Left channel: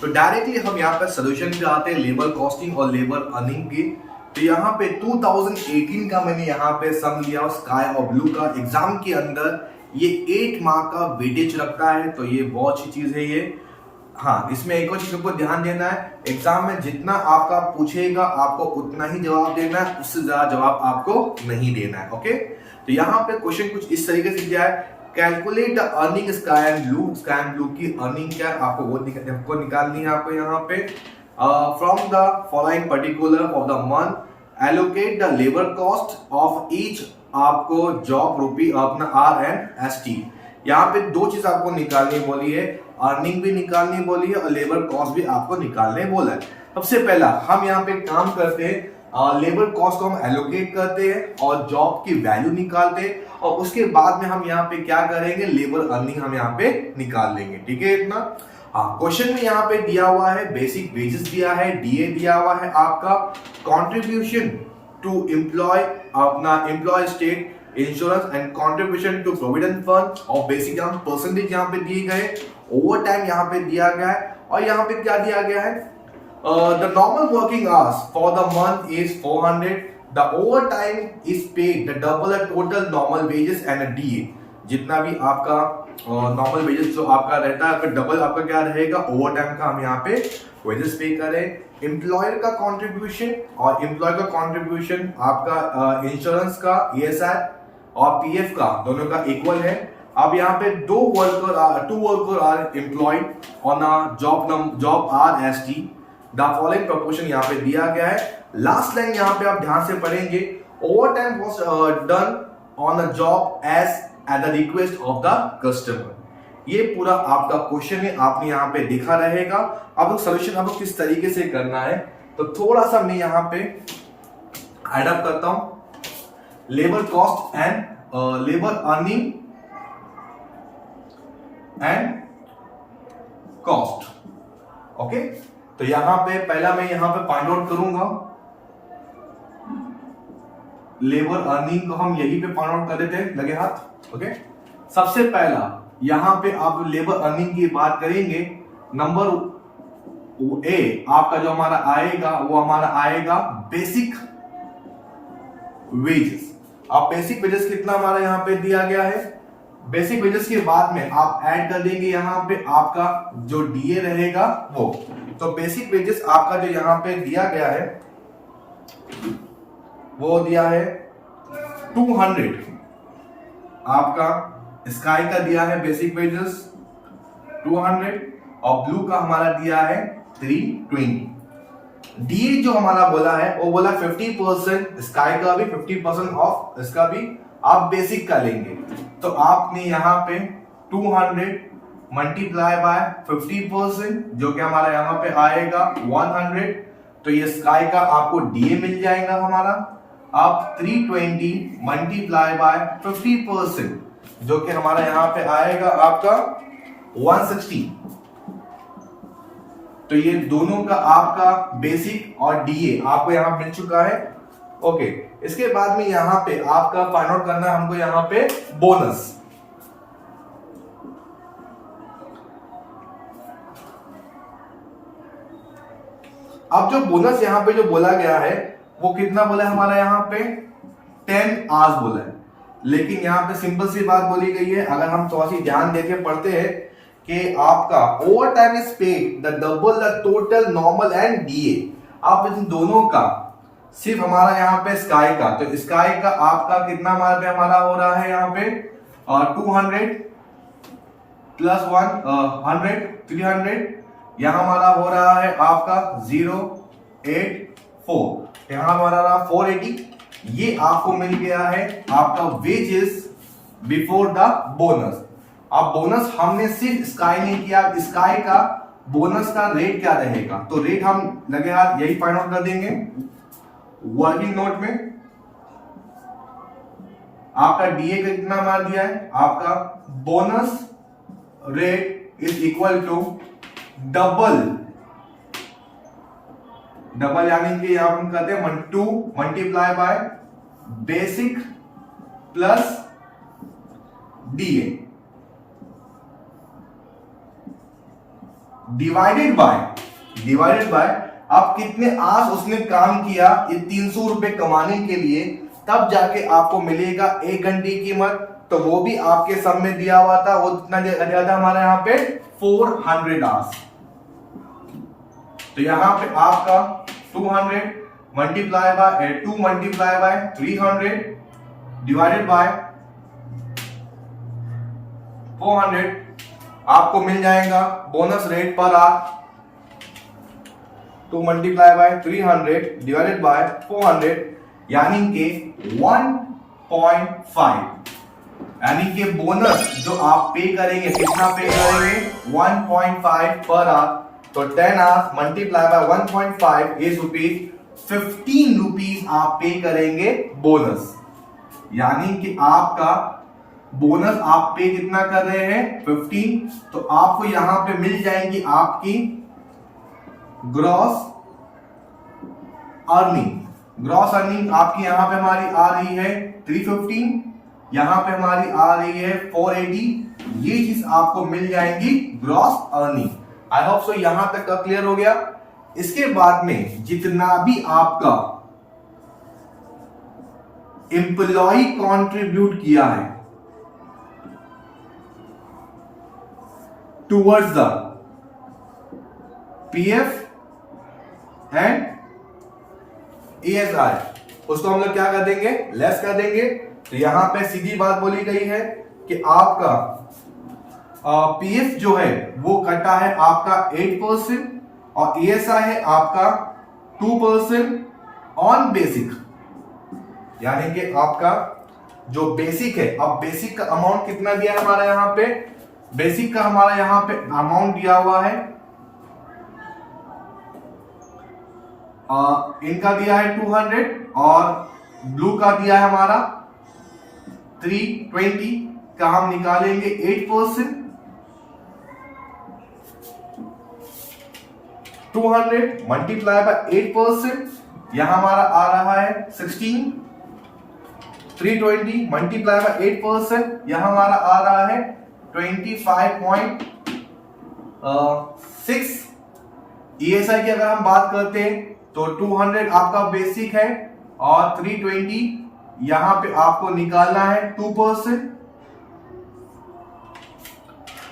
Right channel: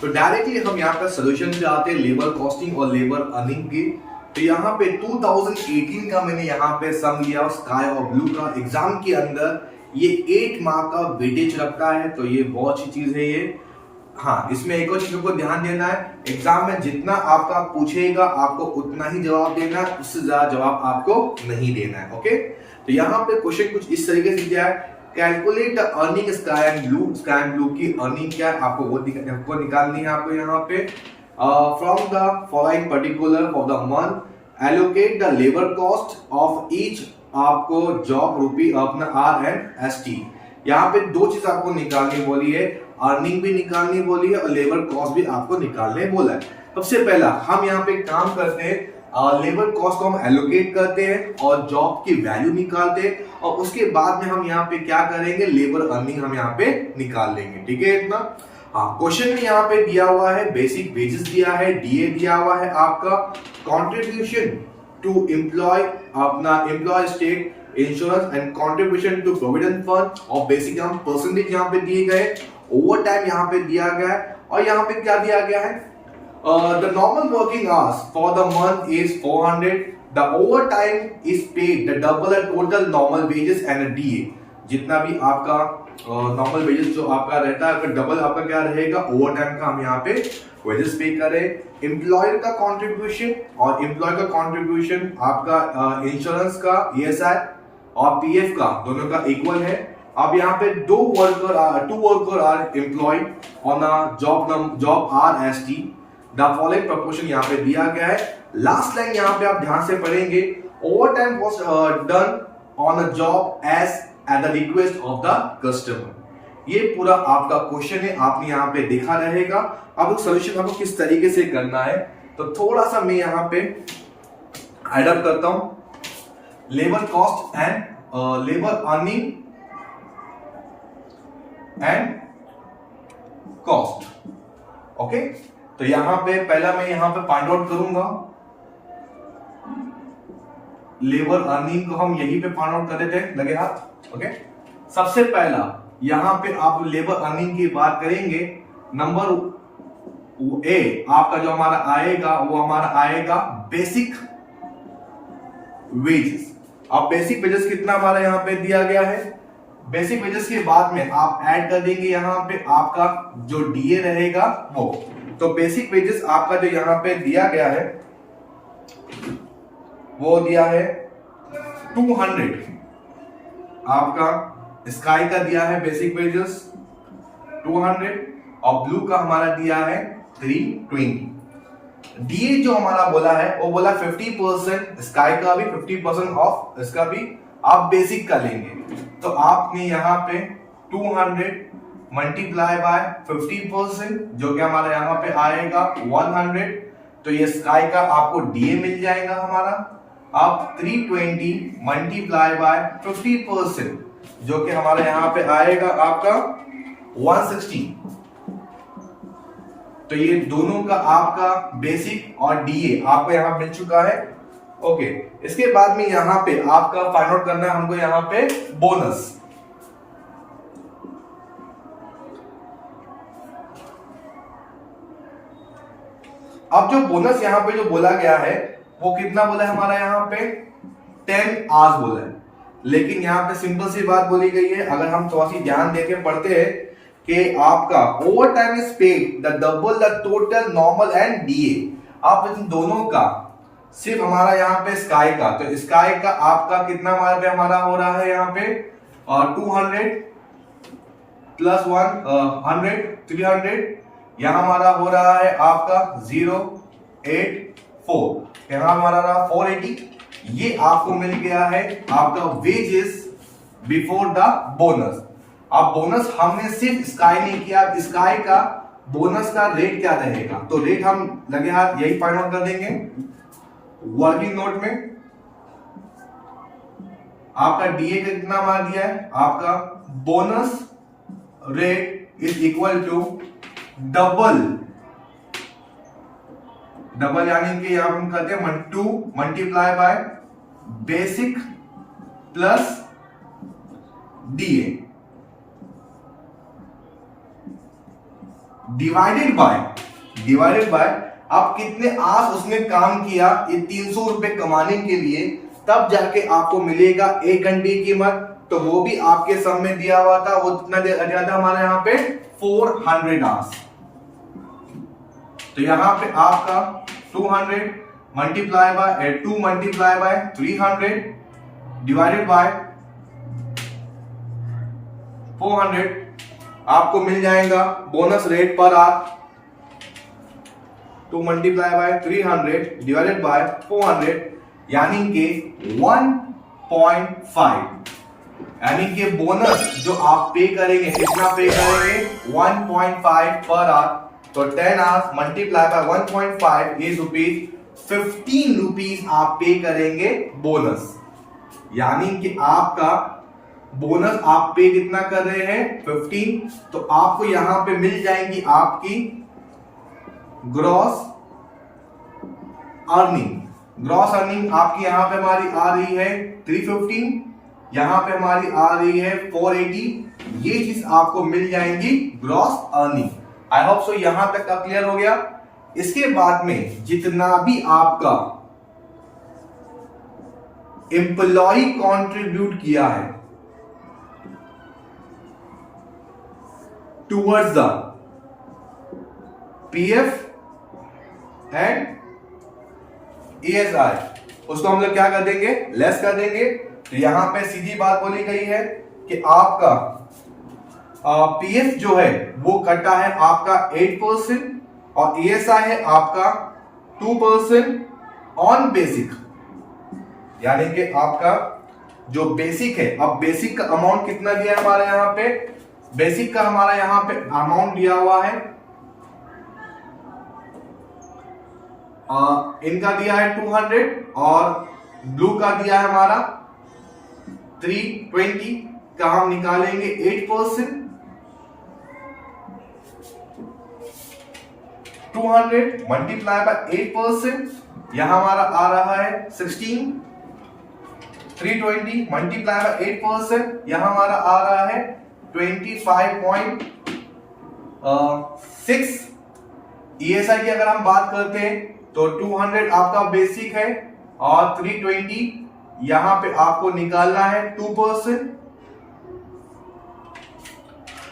तो डायरेक्टली हम यहाँ पे सोल्यूशन पे आते हैं लेबर कॉस्टिंग और लेबर अर्निंग की। तो यहाँ पे 2018 का मैंने यहाँ पे सम लिया और स्काई और ब्लू का एग्जाम के अंदर ये 8 मार्क का वेटेज रखता है, तो ये बहुत अच्छी चीज है ये। हाँ, इसमें एक और चीज को ध्यान देना है, एग्जाम में जितना आपका पूछेगा आपको उतना ही जवाब देना है, उससे ज्यादा जवाब आपको नहीं देना है। ओके, तो यहाँ पे क्वेश्चन कुछ इस तरीके से दिया है, calculate the earning sky and blue. Sky and blue की अर्निंग क्या है आपको वो निकालनी है आपको यहाँ पे। From the following particular of the month allocate the labour cost of each, आपको जॉब रूपी अपना आर एंड एस टी। यहाँ पे दो चीज आपको निकालनी बोली है, अर्निंग भी निकालनी बोली है और लेबर कॉस्ट भी आपको निकालने बोला है। सबसे पहला हम यहाँ पे काम करते हैं, लेबर कॉस्ट को हम एलोकेट करते हैं और जॉब की वैल्यू निकालते हैं, और उसके बाद में हम यहाँ पे क्या करेंगे, लेबर अर्निंग हम यहाँ पे निकाल लेंगे। ठीक है इतना। हाँ, क्वेश्चन में यहाँ पे दिया हुआ है बेसिक वेजेस दिया है, डीए दिया हुआ है, आपका कंट्रीब्यूशन टू एम्प्लॉय अपना employ state insurance and contribution to provident fund, और बेसिक यहाँ परसेंटेज यहाँ पे दिए गए, ओवर टाइम यहाँ पे दिया गया है, और यहाँ पे क्या दिया गया है, the normal working hours for the month is 400, the overtime is paid the double the total normal wages and a DA। जितना भी आपका नॉर्मल वेजेस जो आपका रहता है फिर डबल आपका क्या रहेगा, ओवर टाइम का हम यहाँ पे वेजेस पे करें। एम्प्लॉयर का कंट्रीब्यूशन और एम्प्लॉय का कंट्रीब्यूशन आपका इंश्योरेंस का ESI और PF का दोनों का इक्वल है। अब यहाँ पे two worker are employed on a job RST, the following proportion यहाँ पे दिया गया है। लास्ट लाइन यहाँ पे आप ध्यान से पढ़ेंगे, overtime was done on a job as at the request of the customer. ये पूरा आपका क्वेश्चन है, आपने यहाँ पे देखा रहेगा। अब सोल्यूशन आपको किस तरीके से करना है, तो थोड़ा सा मैं यहाँ पे एड अप करता हूं, labour cost and labour earning and cost. Okay, तो यहां पे पहला मैं यहां पे फाइंड आउट करूंगा, लेबर अर्निंग को हम यहीं पे फाइंड आउट कर देते हैं, लगे हाथ। ओके, सबसे पहला यहां पे आप लेबर अर्निंग की बात करेंगे, नंबर ए आपका जो हमारा आएगा वो हमारा आएगा बेसिक वेजेस। अब बेसिक वेजेस कितना हमारा यहां पे दिया गया है, बेसिक वेजेस के बाद में आप ऐड कर देंगे यहां पे आपका जो डीए रहेगा वो। तो बेसिक वेजेस आपका जो यहां पे दिया गया है वो दिया है 200, आपका स्काई का दिया है बेसिक वेजेस 200 और ब्लू का हमारा दिया है 320। डीए जो हमारा बोला है वो बोला 50%, स्काई का भी 50% ऑफ, इसका भी आप बेसिक का लेंगे। तो आपने यहाँ पे 200 मल्टीप्लाई बाय 50% जो कि हमारा यहाँ पे आएगा 100, तो ये स्काई का आपको डीए मिल जाएगा हमारा। आप 320 मल्टीप्लाई बाय 50% जो कि हमारा यहाँ पे आएगा आपका 160। तो ये दोनों का आपका बेसिक और डीए आपको यहाँ मिल चुका है। ओके, इसके बाद में यहां पे आपका फाइंड आउट करना है हमको यहां पे बोनस। अब जो बोनस यहां पे जो बोला गया है वो कितना बोला है हमारा यहाँ पे 10 आवर्स बोला है, लेकिन यहाँ पे सिंपल सी बात बोली गई है, अगर हम थोड़ा सी ध्यान देके पढ़ते हैं कि आपका over time is paid the double the total normal and DA. आप इन दोनों का सिर्फ हमारा यहाँ पे स्काई का, तो स्काई का आपका कितना हमारा हो रहा है यहाँ पे 200 प्लस 100 300, यहाँ हमारा हो रहा है आपका 084, यहाँ हमारा रहा 480। ये आपको मिल गया है आपका वेजेस बिफोर द बोनस। अब बोनस हमने सिर्फ स्काई नहीं किया, स्काई का बोनस का रेट क्या रहेगा, तो रेट हम लगे हाथ यही फाइंड आउट कर देंगे। वर्किंग नोट में आपका डीए का कितना मार दिया है, आपका bonus rate is equal to double यानी कि यहां हम कहते हैं 2 multiply by basic plus DA. Divided by आप कितने आवर्स उसने काम किया ये 300 रुपए कमाने के लिए, तब जाके आपको मिलेगा 1 घंटे की कीमत। तो वो भी आपके सब में दिया हुआ था, वो कितना दिया था हमारा यहाँ पे 400 आवर्स। तो यहाँ पे आपका 200 multiply by 2 multiply bye 300 divided by 400 आपको मिल जाएगा bonus rate per hour. 2 multiply bye 300 divided by 400 यानी कि 1.5, यानी कि बोनस जो आप पे करेंगे कितना पे करेंगे 1.5 पर आवर। तो 10 hours multiply by 1.5 is rupees 15 rupees आप पे करेंगे बोनस। यानी कि आपका बोनस आप पे कितना कर रहे हैं 15। तो आपको यहां पे मिल जाएंगी आपकी ग्रॉस अर्निंग आपकी यहां पे हमारी आ रही है 315, यहां पे हमारी आ रही है 480। ये चीज आपको मिल जाएंगी gross earning. I hope so यहां तक का क्लियर हो गया। इसके बाद में जितना भी आपका एम्प्लॉय कंट्रीब्यूट किया है towards the PF and ESI, उसको हम लोग क्या कर देंगे लेस कर देंगे। तो यहां पे सीधी बात बोली गई है कि आपका पीएफ जो है वो कटा है आपका 8% और ईएसआई है आपका 2% ऑन बेसिक। यानी कि आपका जो बेसिक है, अब बेसिक का अमाउंट कितना दिया है हमारा यहाँ पे, बेसिक का हमारा यहाँ पे अमाउंट दिया हुआ है इनका दिया है 200 और ब्लू का दिया है हमारा 320 का हम निकालेंगे 8%। 200 मल्टीप्लाई बाय 8% यहां हमारा आ रहा है 16। 320 मल्टीप्लाई बाय 8% यहां हमारा आ रहा है 25.6। ईएसआई की अगर हम बात करते हैं तो 200 आपका बेसिक है और 320 यहां पे आपको निकालना है 2%।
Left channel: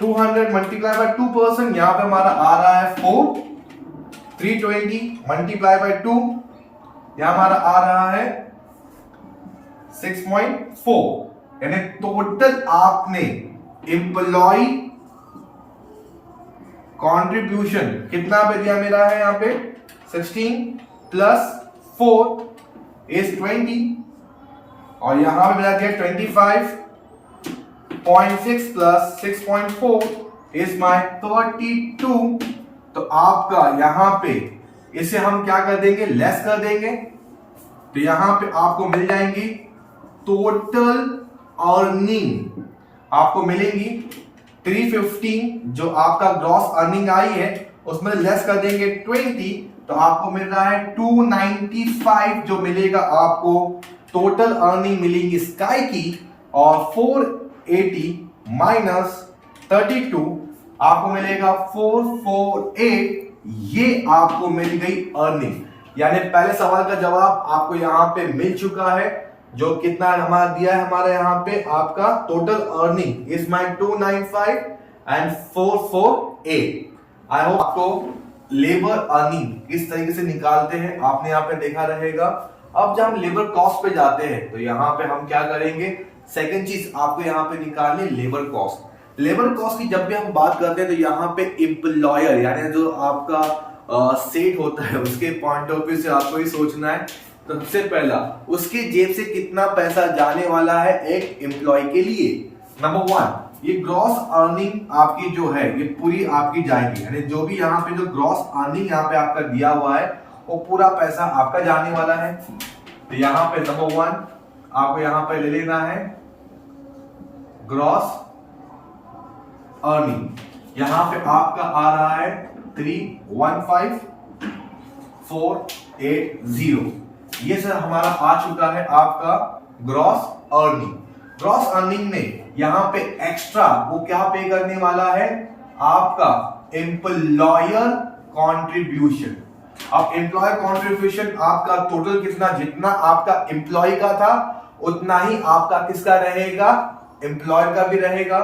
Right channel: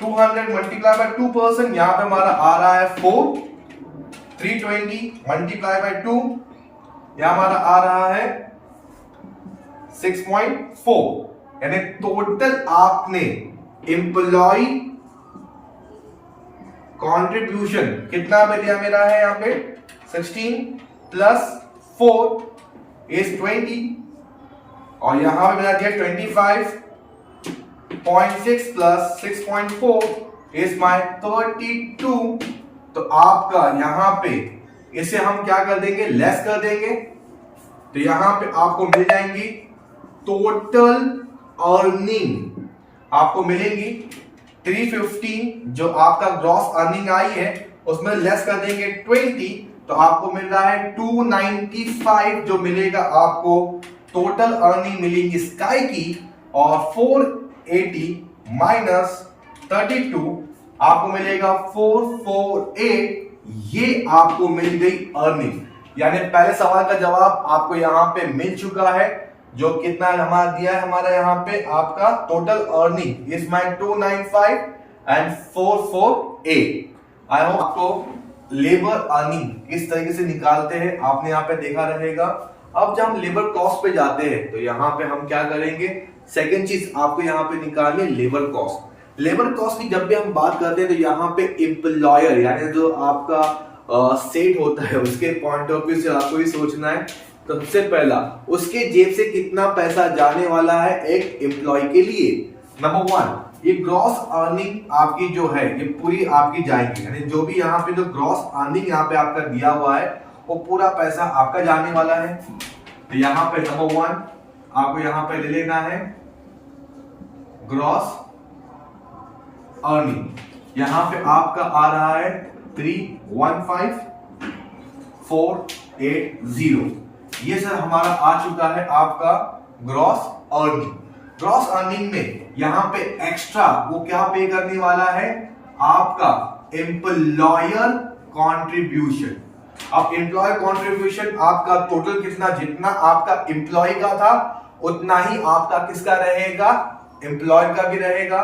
200 मल्टीप्लाई बाय 2% यहां पे हमारा आ रहा है 4। 320 मल्टीप्लाई बाय 2 यहां हमारा आ रहा है 6.4। यानी टोटल आपने एम्प्लॉय कंट्रीब्यूशन कितना पे दिया मेरा है यहाँ पे 16 प्लस 4 इज 20 और यहां पे मिला दिया 25.6 प्लस 6.4 इज माय 32। तो आपका यहां पे इसे हम क्या कर देंगे लेस कर देंगे। तो यहां पे आपको मिल जाएंगी टोटल अर्निंग आपको मिलेंगी 315 जो आपका ग्रॉस अर्निंग आई है उसमें लेस कर देंगे 20 तो आपको मिल रहा है 295 जो मिलेगा आपको टोटल अर्निंग मिलेगी स्काई की। और 480 माइनस 32 आपको मिलेगा 448। ये आपको मिल गई अर्निंग। यानी पहले सवाल का जवाब आपको यहां पे मिल चुका है जो कितना हमारा दिया है हमारे यहाँ पे आपका total earning is my 295 and 448। I hope आपको लेबर अर्निंग किस तरीके से निकालते हैं आपने यहाँ पे देखा रहेगा। अब जब हम लेबर कॉस्ट पे जाते हैं तो यहाँ पे हम क्या करेंगे, सेकंड चीज आपको यहाँ पे निकालनी लेबर कॉस्ट। लेबर कॉस्ट की जब भी हम बात करते हैं तो यहाँ पे एम्प्लॉयर यानी जो आपका सेट होता है उसके पॉइंट ऑफ व्यू से आपको ही सोचना है। तो सबसे पहला उसके जेब से कितना पैसा जाने वाला है एक एम्प्लॉय के लिए। नंबर 1 ये ग्रॉस अर्निंग आपकी जो है ये पूरी आपकी जाएगी, यानी जो भी यहाँ पे जो ग्रॉस अर्निंग यहाँ पे आपका दिया हुआ है वो पूरा पैसा आपका जाने वाला है। तो यहाँ पे नंबर 1 आपको यहाँ पे ले लेना है ग्रॉस अर्निंग। यहाँ पे आपका आ रहा है 315,480। ये सर हमारा आ चुका है आपका ग्रॉस अर्निंग। ग्रॉस अर्निंग में यहां पे एक्स्ट्रा वो क्या पे करने वाला है आपका एम्प्लॉयर कॉन्ट्रीब्यूशन। अब एम्प्लॉयर कॉन्ट्रीब्यूशन आपका टोटल कितना, जितना आपका एम्प्लॉय का था उतना ही आपका किसका रहेगा, एम्प्लॉयर का भी रहेगा।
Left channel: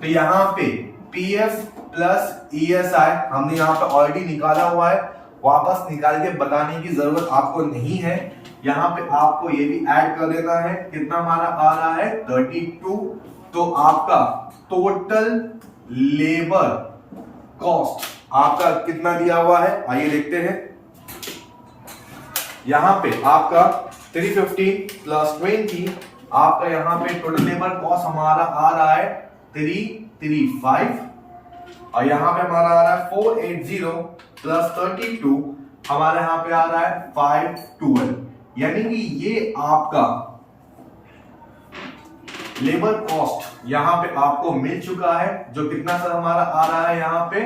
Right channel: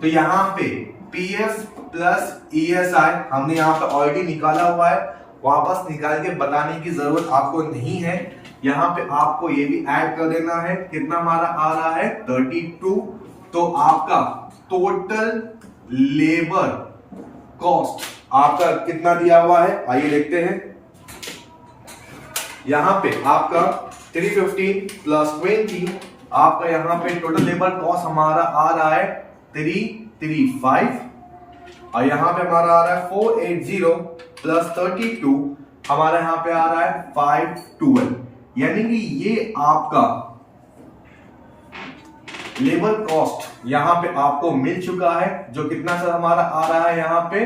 तो यहां पे पीएफ प्लस ईएसआई हमने यहां पे ऑलरेडी निकाला हुआ है, वापस निकाल के बताने की जरूरत आपको नहीं है। यहां पे आपको ये भी ऐड कर देना है, कितना हमारा आ रहा है 32। तो आपका टोटल लेबर कॉस्ट आपका कितना दिया हुआ है, आइए देखते हैं। यहां पे आपका 315 प्लस 20, आपका यहां पे टोटल लेबर कॉस्ट हमारा आ रहा है 335, और यहां पे हमारा आ रहा है 480 प्लस 32, हमारा यहां पे आ रहा है 512। यानी कि ये आपका लेबर कॉस्ट यहां पे आपको मिल चुका है, जो कितना सर हमारा आ रहा है यहां पे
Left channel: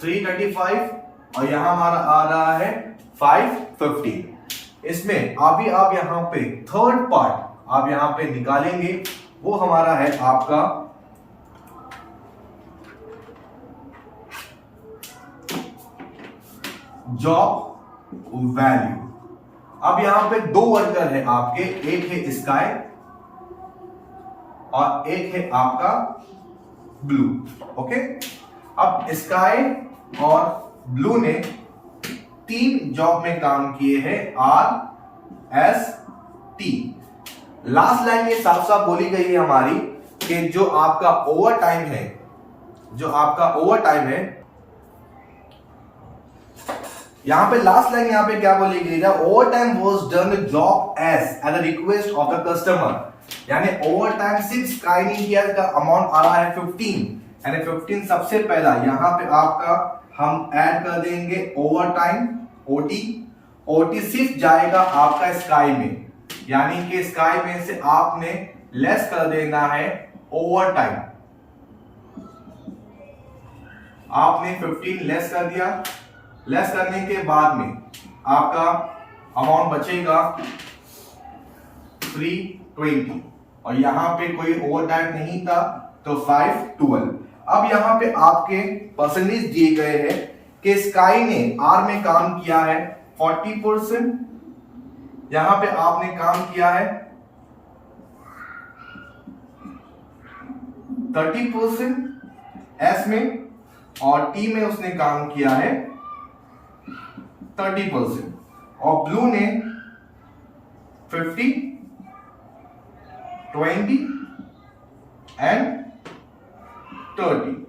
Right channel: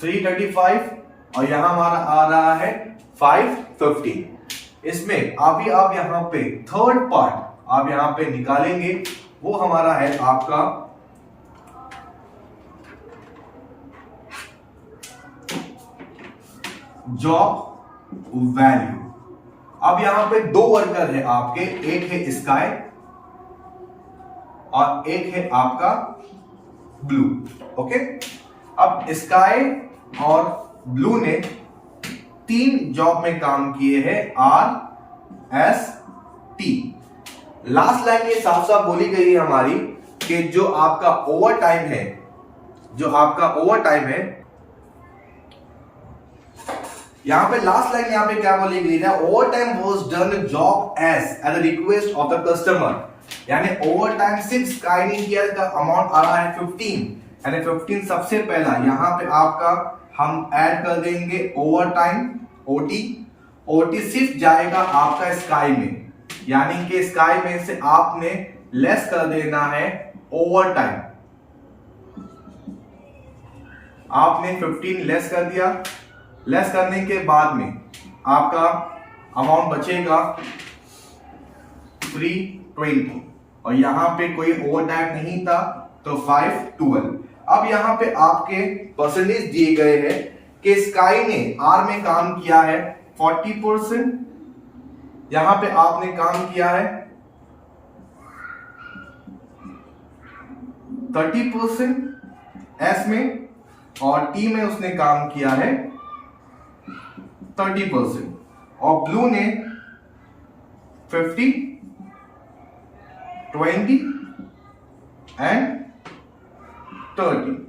335, और यहां हमारा आ रहा है 515। इसमें अभी आप यहां पे थर्ड पार्ट आप यहां पे निकालेंगे, वो हमारा है आपका जॉब वैल्यू। अब यहां पे दो वर्कर है आपके, एक है स्काई और एक है आपका ब्लू। ओके, अब स्काई और ब्लू ने 3 जॉब में काम किए हैं, RST। लास्ट लाइन ये साफ साफ बोली गई है हमारी कि जो आपका ओवर टाइम है, यहां पे लास्ट लाइन यहां पे क्या बोली गई है, over time was done job eight the request of the customer. यानी ओवर टाइम सिर्फ स्काई ने किया, का अमाउंट आ रहा है 15, यानी 15 सबसे पहला यहां पे आपका हम ऐड कर देंगे ओवर टाइम ओटी सिर्फ जाएगा आपका स्काई में, यानी कि स्काई में से आपने लेस कर देना है ओवर टाइम। आपने 15 लेस कर दिया, लेस करने के बाद में आपका अमाउंट बचेगा 320, और यहां पे कोई ओवर टाइम नहीं था तो 512। अब यहां पे आपके परसेंटेज दिए गए हैं कि स्काई ने आर में काम किया है 40%, यहां पे आपने काम किया है 30% एस में, और टी में उसने काम किया है 30%, और ब्लू ने 50, 20 एंड 30।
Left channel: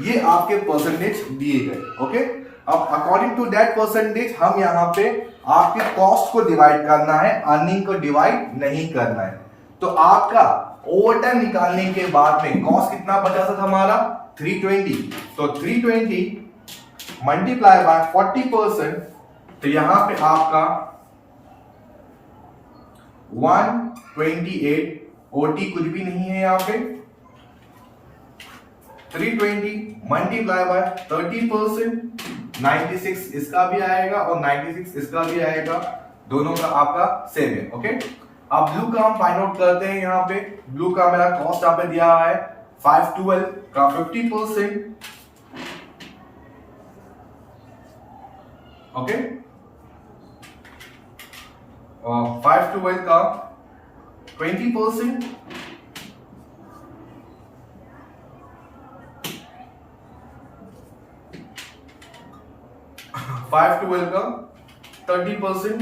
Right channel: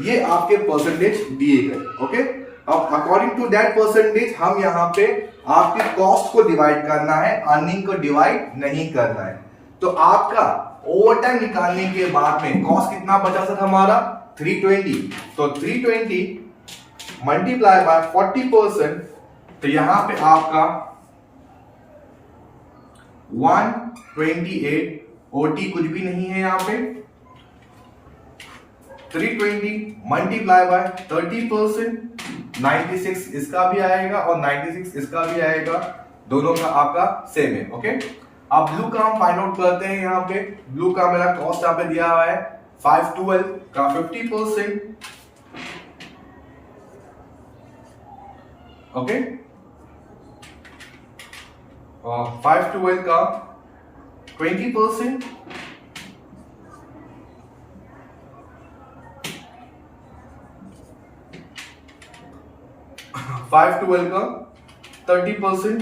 ये आपके परसेंटेज दिए गए। ओके, अब अकॉर्डिंग टू दैट परसेंटेज हम यहां पे आपकी कॉस्ट को डिवाइड करना है, अर्निंग को डिवाइड नहीं करना है। तो आपका ओवर टाइम निकालने के बाद में कॉस्ट कितना बचा था हमारा 320, तो 320 मल्टीप्लाई बाय 40%, तो यहां पे आपका 128, ओटी कुछ भी नहीं है यहां पे, 320 मल्टीप्लाई बाय 30%, 96 इसका भी आएगा और 96 इसका भी आएगा, दोनों का आपका सेम है। ओके, अब ब्लू का हम फाइंड आउट करते हैं। यहां पे ब्लू का मेरा कॉस्ट यहां पे दिया हुआ है 512 का 50%। ओके, 512 का 20%, फाइव ट्वेल्व का 30%,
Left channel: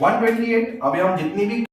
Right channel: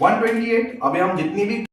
128। अभी हम जितनी भी